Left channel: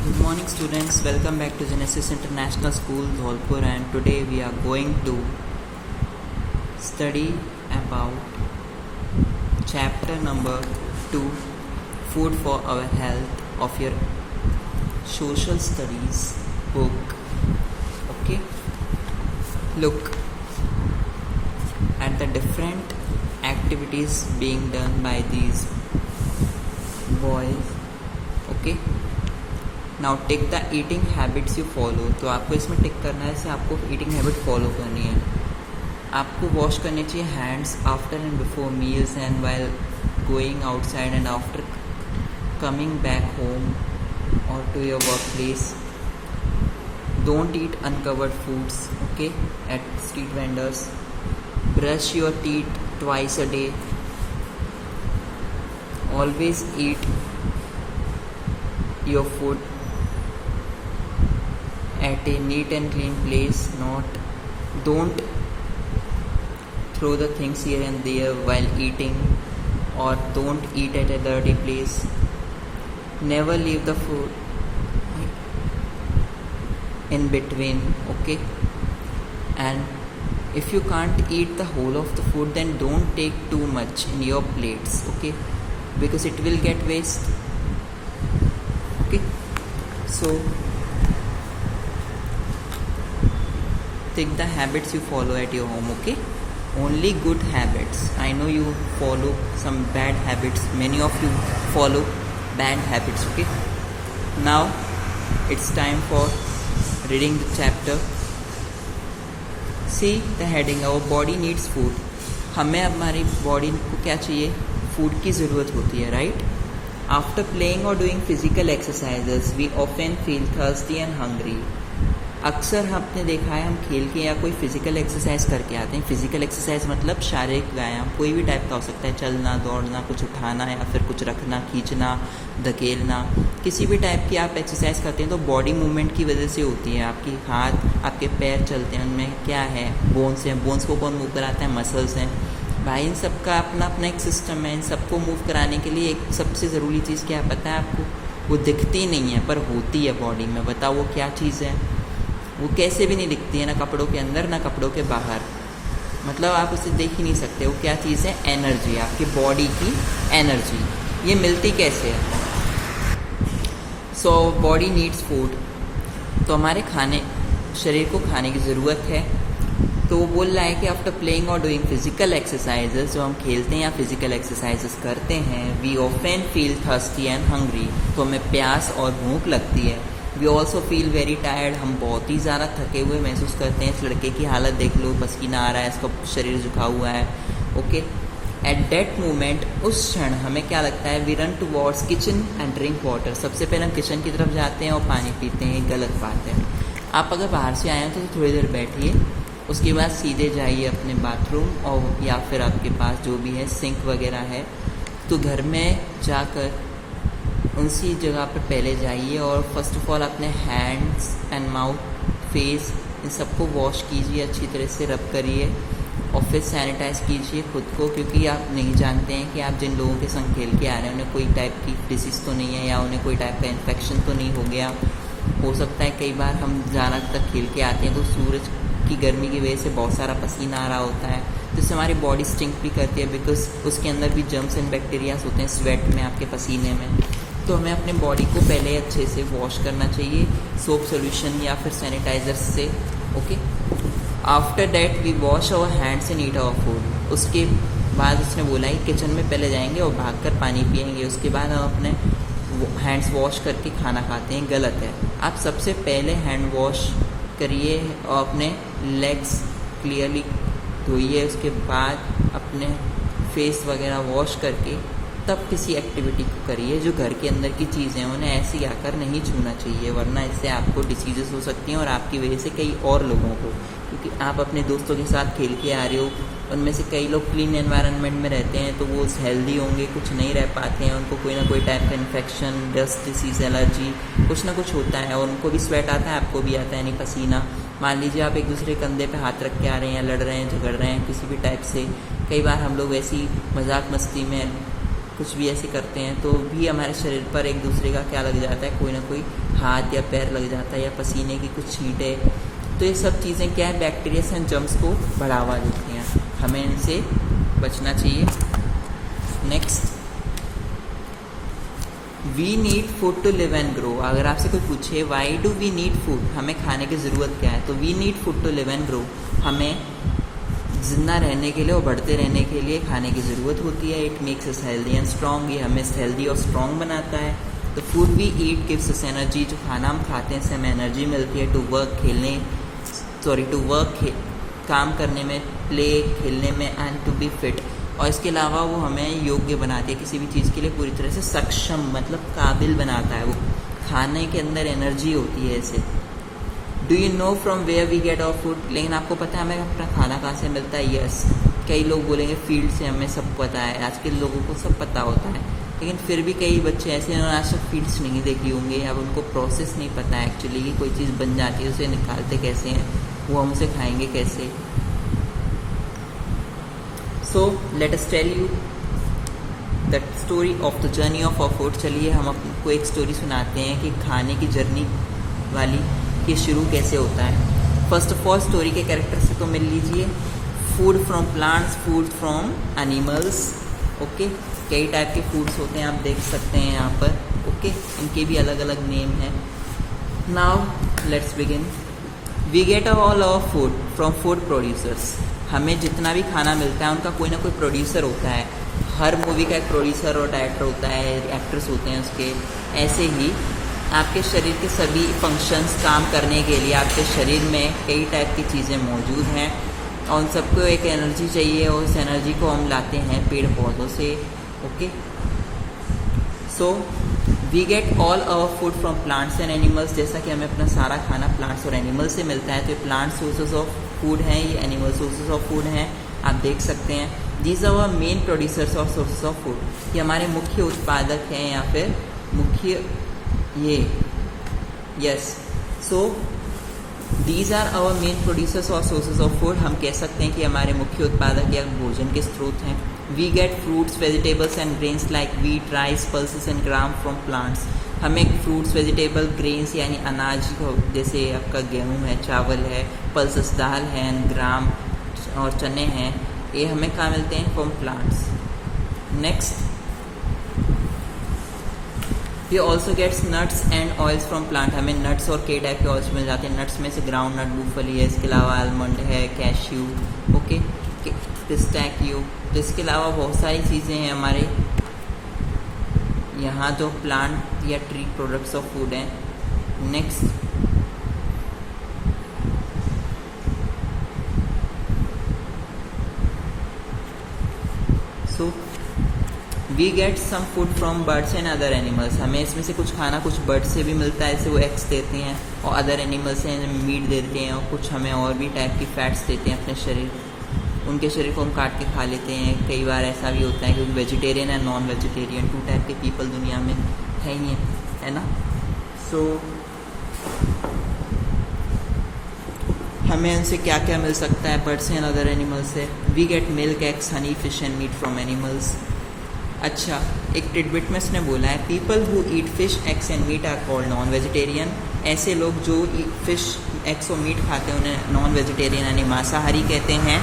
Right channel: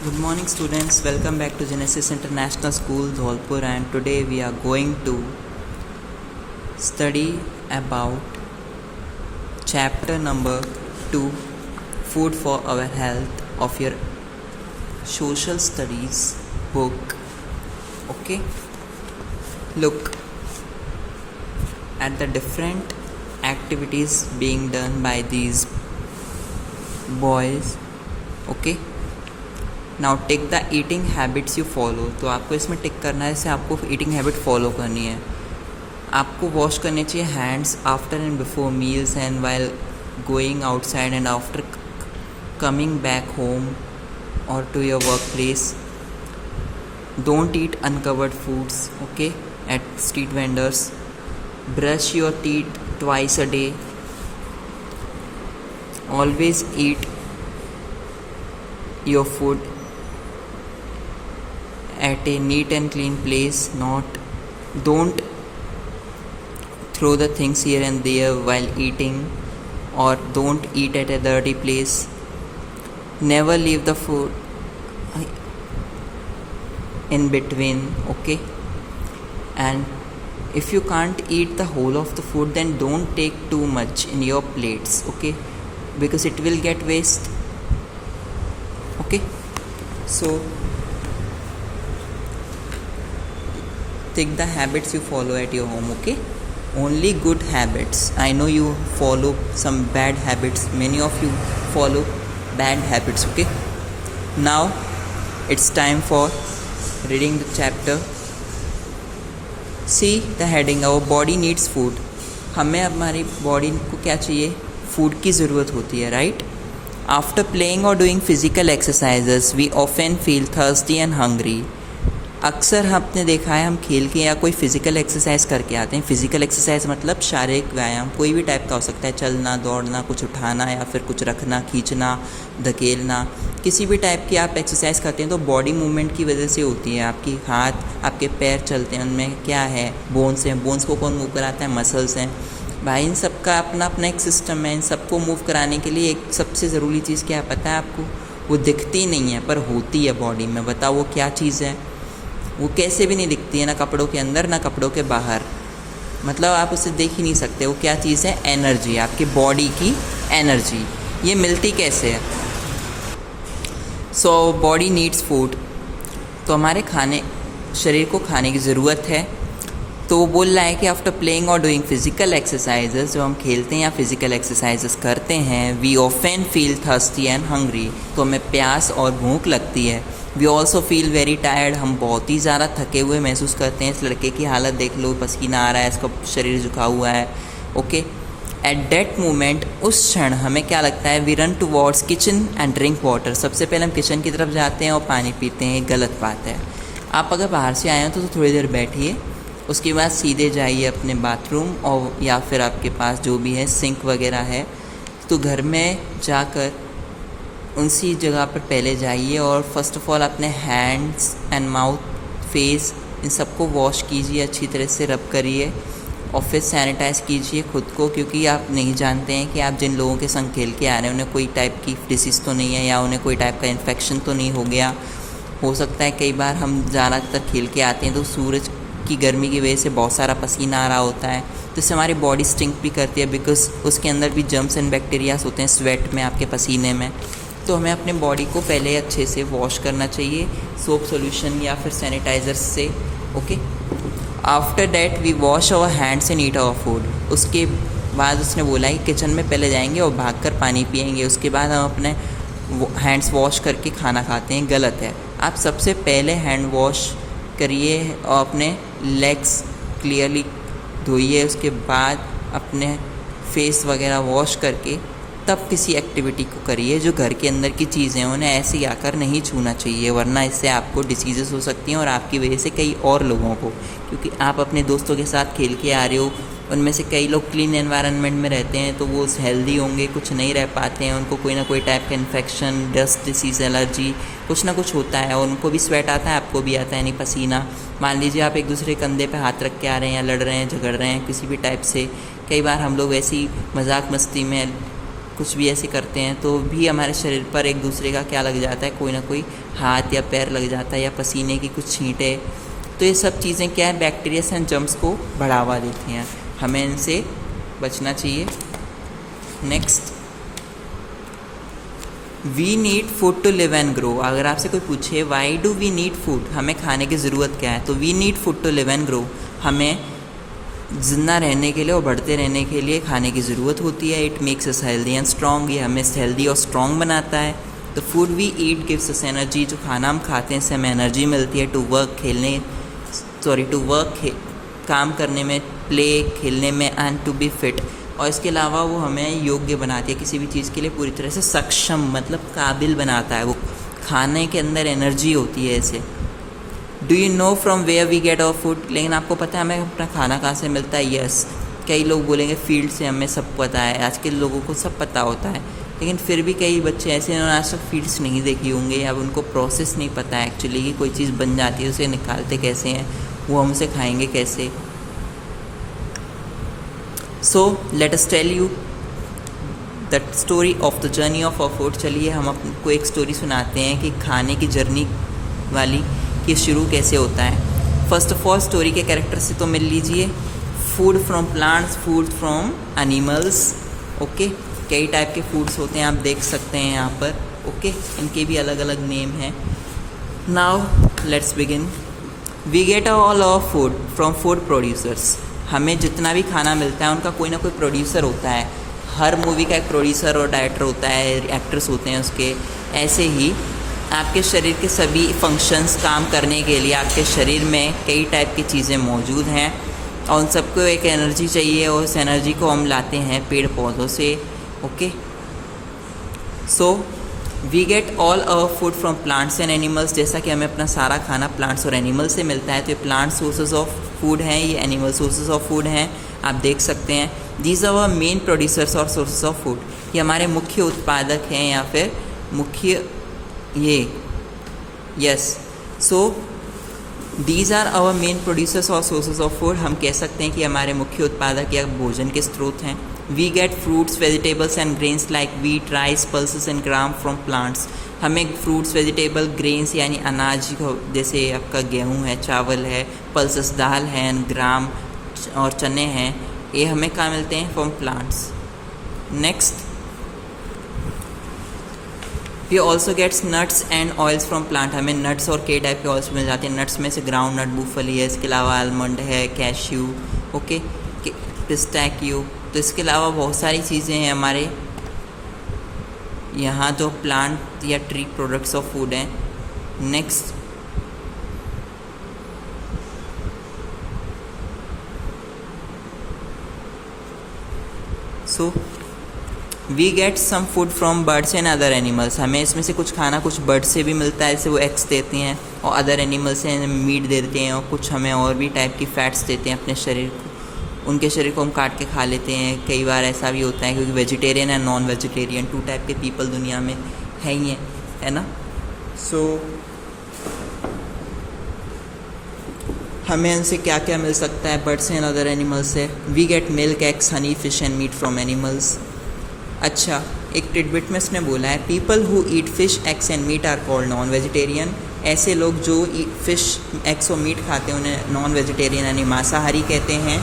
Good morning, students. Welcome back to Genesis International School, Dholpur, and today we are going to study about chapter number 2, Food for Our Health, of your social studies book. Okay, look at the different activities being done by these boys. Okay, now tick the eating habits you follow. तो आपको इसमें टिक करना है, इससे आपको eating habit follow करनी है. आपको वॉश करने चाहिए hands after and before meals and while going outside and after coming back home और to your work place. Don't eat uncovered foods okay at street vendors. Brush your teeth twice a day. Always eat your food at a neat and clean place. Don't throw the things here and there while eating, or don't eat at a dirty place. Never leave the food in between, okay? And if you can't eat the whole of the food, then don't take too much in your plates, okay? Because it will get waste. Okay, so take the habits you follow at your home. Okay, only good habits. I know you follow some bad habits. Many of you follow bad habits. Okay, now it's time for reading the chapter. See the heading. Our body needs food. हमें हमारी body को क्या चाहिए? Food की ज़रूरत होती है, right? After playing or doing physical exercises, we often feel thirsty and hungry. अक्सर हमने देखा है, हम खेल के या कोई फिज़िकल एक्सरसाइज करके आते हैं. फिज़िकल एक्सरसाइज मतलब शारीरिक व्यायाम, कोई भी टाइप का हो सकता है. चलना, दौड़ना, कुछ उठाना या फिर कुछ रखना, खींचना, धकेलना, किसी भी टाइप की आप एक्सरसाइज करते हैं तो बॉडी मूवमेंट की वजह से होती है. आपकी हाथ, आपके पैर चलते हैं, उनमें क्या है? बोन्स हैं. बोन्स को कौन मूव कराता है? मसल्स हैं. भाई इन सब का अपना अपना एक सिस्टम है. इन सबको मूव कराने के लिए एक सबसे ज़रूरी चीज़ क्या है पता है आपको? वो दिखती नहीं है पर होती है बॉडी में. बताओ वो क्या चीज़ है? वो कैसे भी नहीं दिखती है, ना कपड़ों के अंदर ना कपड़ों के बाहर. मतलब आप इसे देख ही नहीं सकते. वो क्या चीज़ है? एनर्जी. आपकी बॉडी की एनर्जी. ये मिलती कैसे है? So body needs food. तो हमारे शरीर को खाने की ज़रूरत है. तो वो बोल रहा है कि आफ्टर प्लेइंग और डूइंग फिजिकल एक्सरसाइजेस, जो हम खेलते हैं या फिजिकल एक्सरसाइजेस करते हैं, we often feel thirsty and hungry. तो हमें प्यास और भूख लगती है. We also feel very tired. हम बहुत ही ज़्यादा थके हुए महसूस करते हैं. इस लड़के की हालत देख लो, पसीना आ रहा है, इसका शरीर झुका हुआ है. ओके, एट दैट मोमेंट, उस क्षण हमें क्या लगता है? We run towards kitchen and drink water. सबसे पहले हम किचन की तरफ जाते हैं और पानी पीते हैं. गलत बात है. आप अगर बाहर से आए हो तो थोड़ी देर बैठिए, उसके बाद सीधे जाइए अपने बाथरूम, और या फिर आपके पास जो भी है सिंक वगैरह है तो घर में जाकर उसी जगह पर पहले जाइए और फर्स्ट ऑफ ऑल अपने हैंड्स एंड माउथ, फेस, इन सबको वॉश कीजिए, अच्छी तरह से रब करिए और फिर सैनिटाइज़ कीजिए खुद को. क्योंकि आप नहीं जानते हैं कि आप जिन लोगों के संग खेल के आ रहे हैं उन्हें कोई टाइप की डिसीज़ तो नहीं है या उन्हें कोई टाइप का इन्फेक्शन तो नहीं हो गया. हो सकता है कई बार हम ज़्यादातर खेल के आते हैं तो सूरज की गर्मी की वजह से बहुत सारा पसीना आ रहा होता है, तो इससे हमारी बॉडी स्टिंक भी करती है. बिकॉज उसके अंदर भी जर्म्स एंड बैक्टीरियाज होते हैं स्वेट में, आपके पसीने में. तो हमें अपने बॉडी को पहले अच्छे से वॉश करना चाहिए सोप सॉल्यूशन या फिर सैनिटाइज़र से. Okay, after that we wash our hands and eat our food. उसके बाद उसने बोला कि किचन में पहले जाएंगे और भागकर पानी पिएंगे, उसके बाद हम अपने हैंड्स वॉश करके खाना खाते हैं. गलत है. आप सबसे पहले हैंड वॉश करिए और अपने लेग्स क्लियरली धोइए. उसके बाद अपने फेस वगैरह वॉश करके तब किसी एक्टिविटी को करिए. जो घर के अंदर की चीज़ें हैं उन्हें ऐसे ही आकर नहीं छूना चाहिए, वरना इससे आपको डिसीजेस हो सकती हैं और आपकी वजह से कई और लोगों को. क्योंकि आप अपने दोस्तों के साथ खेल के आ रहे हो, उनमें से कई लोग क्लीन एनवायरनमेंट में रहते हैं तो वो हेल्दी होंगे, कुछ नहीं रह पाते हैं, उनको कोई ना कोई टाइप का इन्फेक्शन, डस्ट डिसीज़, एलर्जी, कुछ ना कुछ होता है. और उनको भी स्वेट आता है, आपको भी आता है, नहीं पसीना. मान लीजिए आप एक दूसरे कंधे पे हाथ रख के आ रहे हैं या लड़ रहे हैं, झगड़ रहे हैं किसी भी टाइप से. कई बार हम लोग ऐसी मजाक मस्ती में कुछ भी ऐसे करते हैं तो भी हमारे शरीर पर एक दूसरे का क्या लग जाता है, कोई ना कोई हाथ या पैर लग जाता है, या पसीने की कुछ छींटें। तो ये सब चीज़ें क्या है, बैक्टीरिया एंड जर्म्स को बढ़ावा देती हैं, हमें इनसे बचना चाहिए। Next, we need food to live and grow. अगर आपसे कोई पूछे why do we need food, हमें खाने की ज़रूरत क्या है, तो we need food to live and grow, हमें जिंदा रहने के लिए और बढ़ते रहने के लिए खाने की ज़रूरत होती है। It makes us healthy and strong, ये हमें हेल्दी और स्ट्रॉन्ग बनाता है। The food we eat gives us energy, जो खाना हम खाते हैं इससे हमें एनर्जी मिलती है टू वर्क काम करने में, प्ले खेलने में, एंड टू बी फिट। और इसके अलावा वो हमें योग्य बनाती है किसी भी चीज़ के लिए, पूरी तरह से सक्षम मतलब काबिल बनाता है। वो खाने के अंदर एनर्जी होती है ऐसे। Do you know from where we get our food, लेकिन आपको पता है हमें अपना खाना कहाँ से मिलता है? यस, कई लोग बोलेंगे फील्ड से, हमें सब पता है, आज के लोगों को सब पता होता है, लेकिन फिर भी कई बच्चे ऐसे हैं आज तक फील्ड्स नहीं देखी होंगे, या उनको प्रोसेस नहीं पता है एक्चुअली कि कोई चीज़ बन जाती है उसे निकालते कैसे हैं, वो हम उसे खाएंगे कैसे। So let us tell you the story of the journey of our food. चलिए हम आपको एक स्टोरी सुनाते हैं कि खाने की जर्नी वाली कि शुरू कैसे होता है। फर्स्ट ऑफ ऑल स्टोरी के कैरेक्टर से तो मिल लीजिए। Food from plants, food from animals. Okay, कई टाइप के फूड्स होते हैं, आप देख सकते हैं यहाँ पर। ओके, इनके भी अलग अलग नेम हैं। Now let's begin. We get all our food from food producers. हमें जितना भी खाना मिलता है उनका कोई ना कोई प्रोड्यूसर होता है। हर मूवी का एक प्रोड्यूसर और डायरेक्टर होता है, एक्टर्स होते हैं उसके। ऐसे ही आपके शरीर के सभी फंक्शंस काम करने के लिए आपके शरीर में कई टाइप की चीज़ें मौजूद हैं, और उन सबको एक एनर्जी चाहिए, और इस एनर्जी को हम लाते हैं पेड़ पौधों से। Okay, so we get all our food from plants and animals. जैसा कि हमें अपना सारा खाना प्लांट्स और एनिमल्स से मिलता है, तो ये प्लांट सोर्सेज ऑफ फूड हैं, ये एनिमल सोर्सेज ऑफ फूड हैं, आप देख सकते हैं। These are our main producers और सोर्सेज ऑफ फूड। ये हमारे मुख्य उत्पादक हैं, या फिर मुख्य ये yes. So these are our main producers और सोर्सेज ऑफ फूड। हम कह सकते हैं कि हमारे मुख्य उत्पादक या भोजन के स्रोत हैं। We get fruits, vegetables and grains like wheat, rice, pulses and gram from plants. हमें फ्रूट्स, वेजिटेबल, ग्रेन्स यानी अनाज, जैसे आपका गेहूँ है, चावल है, पल्सेस दाल है, एंड ग्राम और चने हैं, ये हमें कहाँ मिलते हैं? From plants. Next, we also gets nuts and oils from plant. हमें नट्स और कई टाइप के ऑयल्स मिल जाते हैं। नट्स में से ग्राउंड नट, मूंगफली है, इसके अलावा आलमंड है, कैश्यू, ओके, पिस्टैक्यू। तो इसके अलावा बहुत सारी चीज़ें हैं हमारे यहाँ जो प्लांट या ट्री प्रोडक्ट्स ऑफ फूड हैं। Next, so we get some food from birds and other animals. हमें इसमें से कुछ खाना कुछ बर्ड्स से भी मिलता है, जैसे वो एग्स देते हैं, और अदर एनिमल्स से मीट देते हैं, और कुछ हमें और भी टाइप की फैट्स देते हैं अपने शरीर को। उनके शरीर को हम काट के खा लेते हैं। कई बार ऐसा भी होता है, क्योंकि vegetarian and non vegetarian two type के पीपल दुनिया में है ही है ना। सो हमें इनसे क्या क्या मिल सकता है बर्ड्स एंड अदर एनिमल्स से? We get milk, eggs, honey, fish and meat from animals. अच्छा, एक टिडबिट में इसने बोला है, people who eat fish, eggs and meat are called non vegetarian. ऐसे लोग जो फिश, एग्स और मीट खाते हैं उन्हें नॉन वेजिटेरियन यानी मांसाहारी कहते हैं।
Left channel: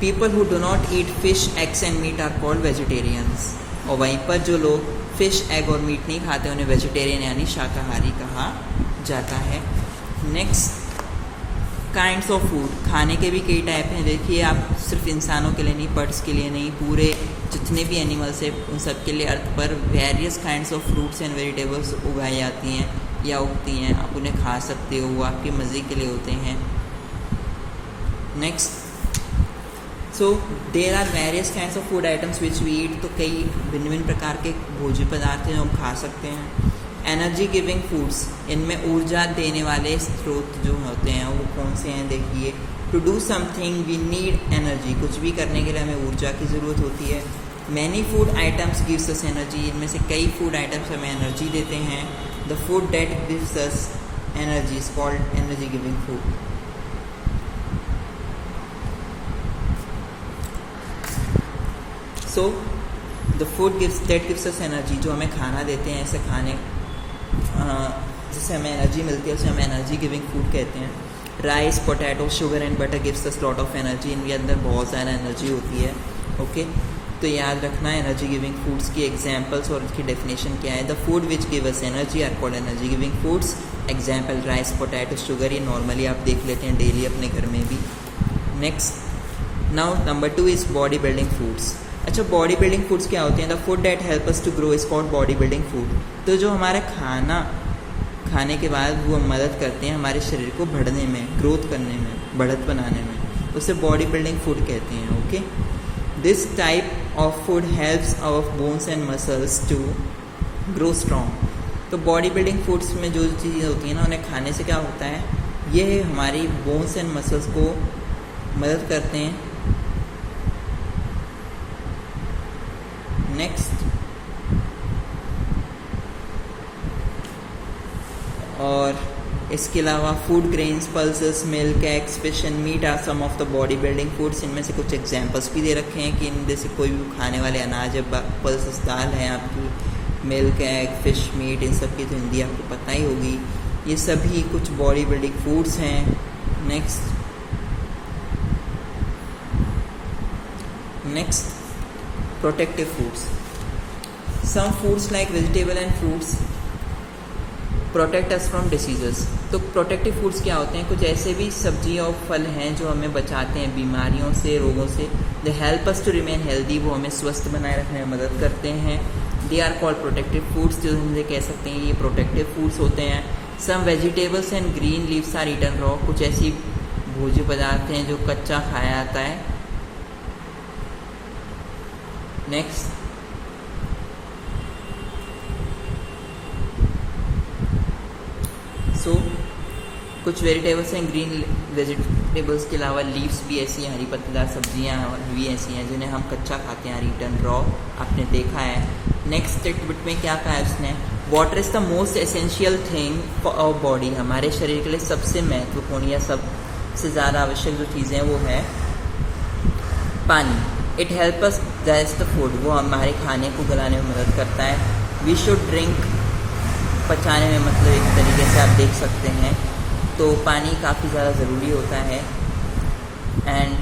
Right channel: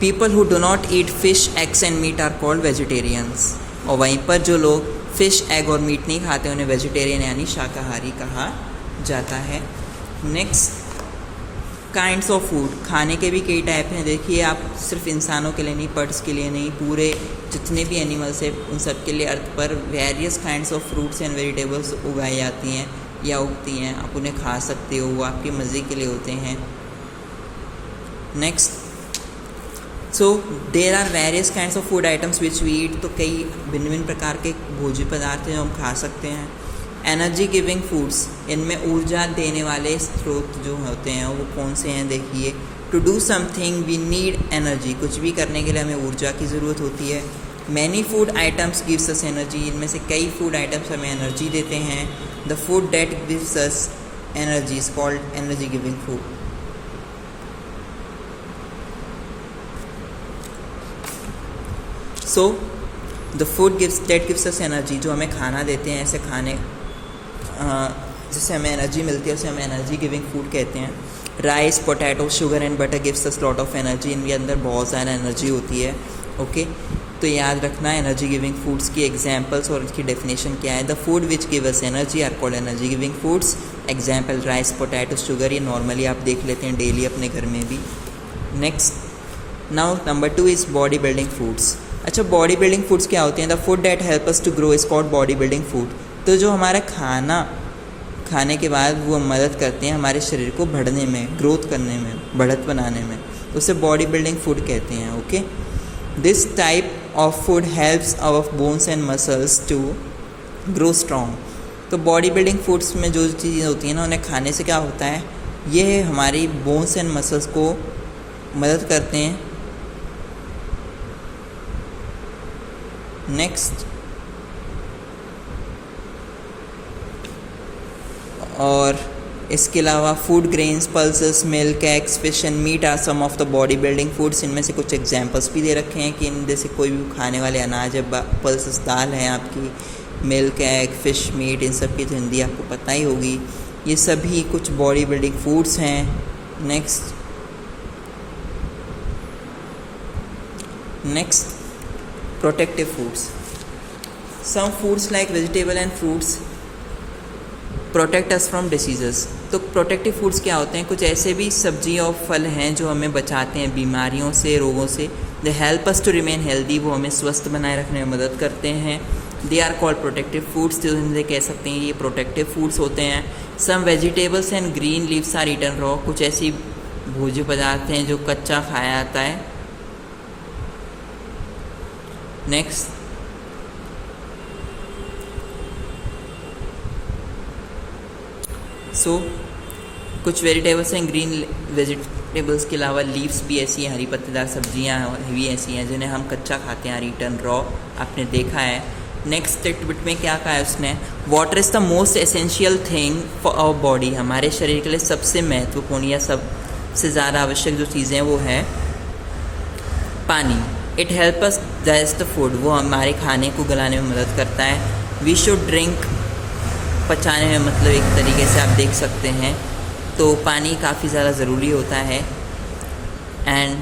People who do not eat fish, eggs and meat are called vegetarians. और वहीं पर जो लोग फिश, एग और मीट नहीं खाते उन्हें वेजिटेरियन यानी शाकाहारी कहा जाता है। Next, kinds of food. खाने के भी कई टाइप हैं। देखिए आप, सिर्फ इंसानों के लिए नहीं, बर्ड्स के लिए नहीं, पूरे जितने भी एनिमल्स हैं उन सब के लिए अर्थ पर various kinds of fruits and vegetables उगाई जाती हैं या उगती हैं। आप उन्हें खा सकते हो, वो आपके मज़े के लिए होते हैं। Next, so there are various kinds of food items which we eat. तो कई भिन्न भिन्न प्रकार के भोज्य पदार्थ हैं जो हम खा सकते हैं। एनर्जी गिविंग फूड्स, इनमें ऊर्जा देने वाले स्रोत जो होते हैं वो कौन से हैं? देखिए, to do something we need energy. कुछ भी करने के लिए हमें ऊर्जा की ज़रूरत होती है। Many food items gives us energy. इनमें से कई फूड आइटम्स हमें एनर्जी देते हैं। The food that gives us energy is called energy giving food. So the food gives us energy, जो हमें खाना देते हैं, ऐसे खाने जिससे हमें एनर्जी मिलती है उसे हमें एनर्जी गिविंग फूड कहते हैं. Rice, potato, sugar and butter gives us lot of energy. इनके अंदर बहुत सारा एनर्जी होती है. ओके, तो याद रखना एनर्जी गिविंग फूड्स की एग्जांपल्स और इसकी डेफिनेशन क्या है. The food which give us energy are called energy giving foods. Example rice, potato, sugar, ये नॉर्मली आप देख लेते हैं डेली अपने घर में भी. Next, now number 2 is body building foods. अच्छा, बॉडी बिल्डिंग फूड्स क्या होती हैं. The food that help us to grow is called body building food. तो जो हमारा खाने के बाद वो मदद करते हैं हमारे शरीर को बढ़ने में, ग्रोथ करने में, बढ़त बनाने में, उसे बॉडी बिल्डिंग फूड कहते हैं. Okay, this type of food helps our bones and muscles to grow strong. तो बॉडी बिल्डिंग फूड्स में जो चीज़ें होती हैं ना, उन्हें खाने से क्या होता है, ये हमारी बोन्स एंड मसल्स को मदद करते हैं. नेक्स्ट, और इसके अलावा food grains, pulses, milk, eggs, fish and meat are some of the body building foods. इनमें से कुछ एग्जांपल्स भी दे रखे हैं कि इनमें से कोई भी खाने वाले अनाज है. पल्सेस दाल है आपकी, मिल्क, एग, फिश, मीट, इन सब की तो हिंदी आपको पता ही होगी. ये सभी कुछ बॉडी बिल्डिंग फूड्स हैं. Next, protective foods. Some foods like vegetable and fruits protect us from diseases. तो प्रोटेक्टिव फूड्स क्या होते हैं, कुछ ऐसे भी सब्जी और फल हैं जो हमें बचाते हैं बीमारियों से, रोगों से. They help us to remain healthy, वो हमें स्वस्थ बनाए रखने में मदद करते हैं. They are called protective foods. जो हम कह सकते हैं ये प्रोटेक्टिव फूड्स होते हैं. Some vegetables and green leaves are eaten raw. कुछ ऐसी भोज्य पदार्थ हैं जो कच्चा खाया जाता है. नेक्स्ट, कुछ वेजिटेबल्स हैं, ग्रीन वेजिटेबल्स के अलावा लीव्स भी ऐसी हैं, हरी पत्तेदार सब्जियां भी ऐसी हैं जिन्हें हम कच्चा खाते हैं, रिटर्न रॉ, आपने देखा है. नेक्स्ट स्टेटमेंट में क्या कहा है उसने, water is the most essential thing for our body. हमारे शरीर के लिए सबसे महत्वपूर्ण या सबसे ज़्यादा आवश्यक जो चीज़ें हैं वो है पानी. It help us digest the food, वो हमारे खाने को गलाने में मदद करता है. वी शुड ड्रिंक, पचाने में, मतलब एक तरीके से आप देख सकते हैं. तो पानी काफ़ी ज़्यादा ज़रूरी होता है. And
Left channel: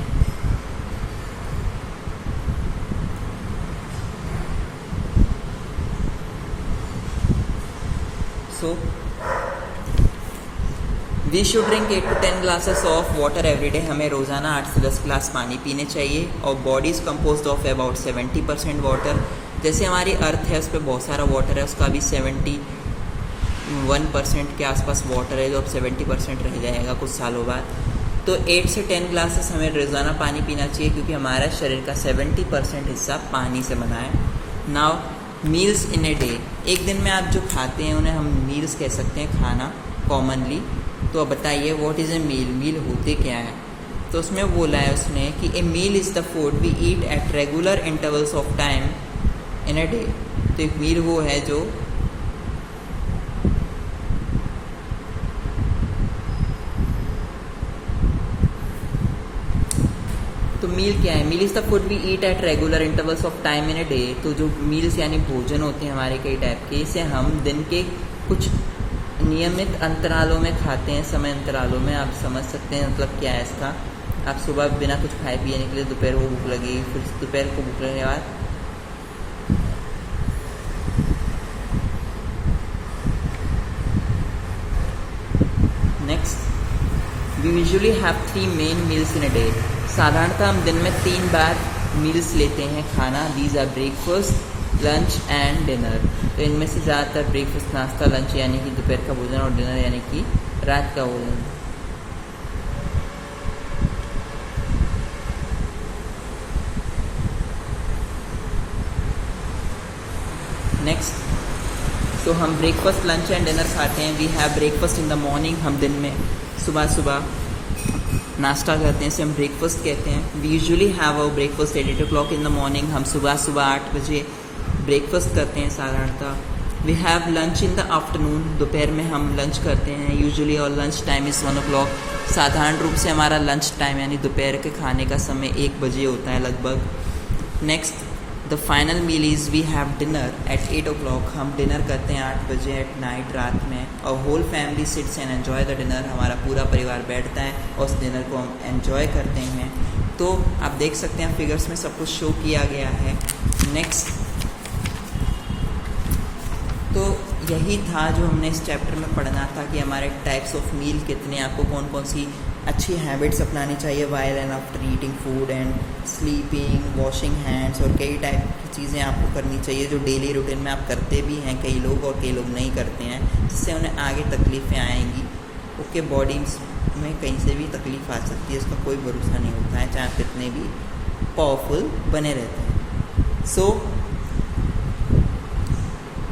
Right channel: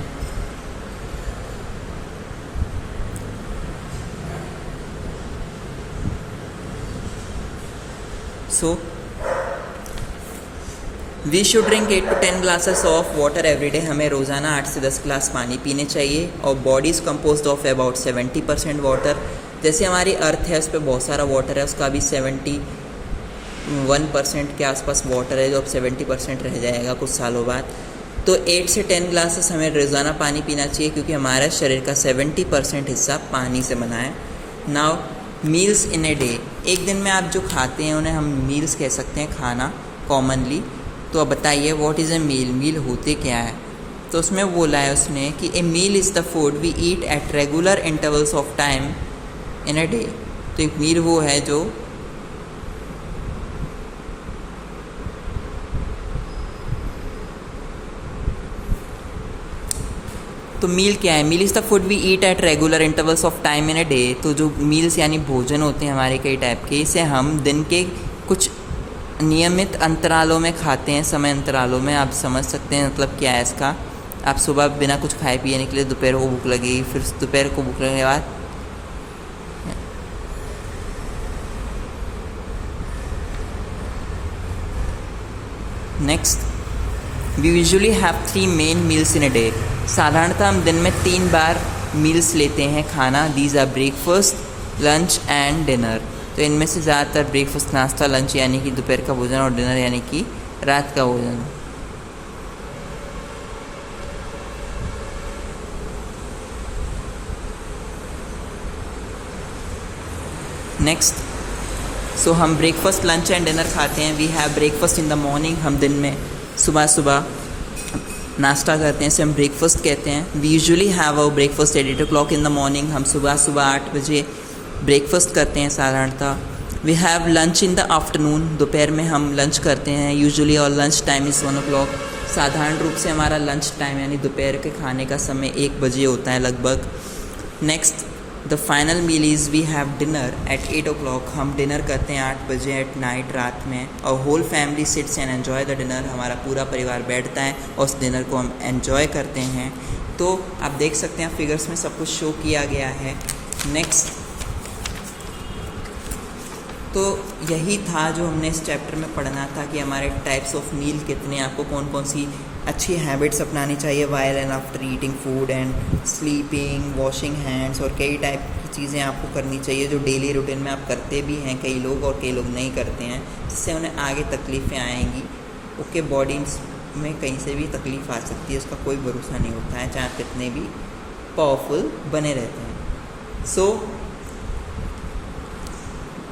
we should drink 8 to 10 glasses of water every day. हमें रोज़ाना 8 से 10 ग्लास पानी पीने चाहिए. और body is composed of about 70% water. जैसे हमारी अर्थ है उस पर बहुत सारा वाटर है, उसका भी 71% के आसपास वाटर है, जो अब 70% रह जाएगा कुछ सालों बाद. तो 8 से 10 ग्लासेस हमें रोज़ाना पानी पीना चाहिए, क्योंकि हमारा शरीर का 70% हिस्सा पानी से बना है. Now meals in a day. एक दिन में आप जो खाते हैं उन्हें हम मील्स कह सकते हैं, खाना कॉमनली. तो अब बताइए व्हाट इज़ ए मील, मील होते क्या है. तो उसमें बोला है उसने कि a meal is the food we eat at regular intervals of time in a day. तो एक मील वो है जो तो मील क्या है, meal is the food we eat at regular intervals of time in a day. तो जो मील्स यानी भोजन होते हैं हमारे कई टाइप के, इसे हम दिन के कुछ नियमित अंतरालों में खाते हैं, समय अंतरालों में. आप समझ सकते हैं मतलब क्या है इसका. आप सुबह बिना कुछ खाए पिए निकले, दोपहर को भूख लगेगी, फिर दोपहर को भूख लगने के बाद next, we usually have 3 main meals in a day. साधारणतः हम दिन में 3 बार मील्स लेते हैं खाना. These are breakfast, lunch and dinner. तो इनमें से ज़्यादातर ब्रेकफास्ट नाश्ता, लंच यानी कि दोपहर का भोजन, और डिनर यानी कि रात का भोजन. नेक्स्ट, सो हम ब्रेकफास्ट, लंच एंड डिनर खाते हैं. We have breakfast in the morning. हम दिन में सुबह नाश्ता करते हैं, इसे हम ब्रेकफास्ट कहते हैं. We usually have our breakfast at 8 o'clock in the morning. हम सुबह 8 बजे ब्रेकफास्ट करते हैं साधारणतः. We have lunch in the afternoon. दोपहर में हम लंच करते हैं यूजुअली, और लंच टाइम इज़ 1 o'clock. साधारण रूप से हमारा लंच टाइम यानी दोपहर के खाने का समय 1 बजे होता है लगभग. Next, the final meal is we have dinner at 8 o'clock. हम डिनर करते हैं 8 बजे एट नाइट, रात में. और whole family sits and enjoy the dinner. हमारा पूरा परिवार बैठता है और उस डिनर को हम एन्जॉय करते हैं. तो आप देख सकते हैं फिगर्स में सब कुछ शो किया गया है. नेक्स्ट, तो यही था जो हमने इस चैप्टर में पढ़ना था कि हमारे टाइप्स ऑफ मील कितने, आपको कौन कौन सी अच्छी हैबिट्स अपनानी चाहिए while and after eating food and sleeping, washing hands, और कई टाइप की चीज़ें आपको करनी चाहिए जो डेली रूटीन में आप करते भी हैं कई लोग और कई लोग नहीं करते हैं, जिससे उन्हें आगे तकलीफ़ें आएंगी. ओके, बॉडी में कहीं से भी तकलीफ़ आ सकती है, उसका कोई भरोसा नहीं होता है, चाहे आप कितने भी पावरफुल बने रहते हैं. सो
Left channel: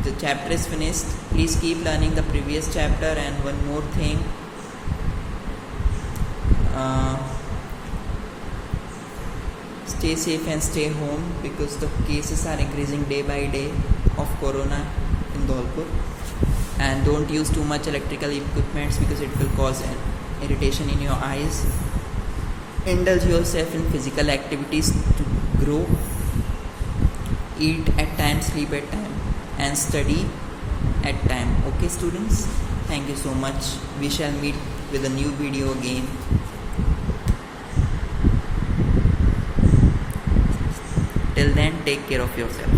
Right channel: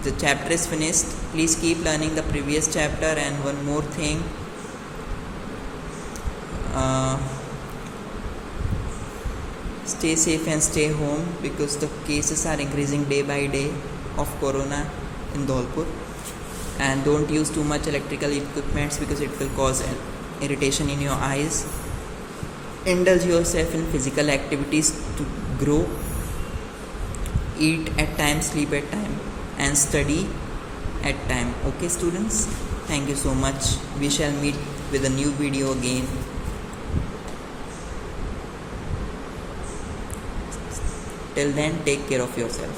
the chapter is finished. Please keep learning the previous chapter. And one more thing, stay safe and stay home because the cases are increasing day by day of corona in Dholpur. And don't use too much electrical equipments because it will cause irritation in your eyes. Indulge yourself in physical activities to grow. Eat at time, sleep at time, and study at time. Okay students, thank you so much. We shall meet with a new video again. Till then, take care of yourself.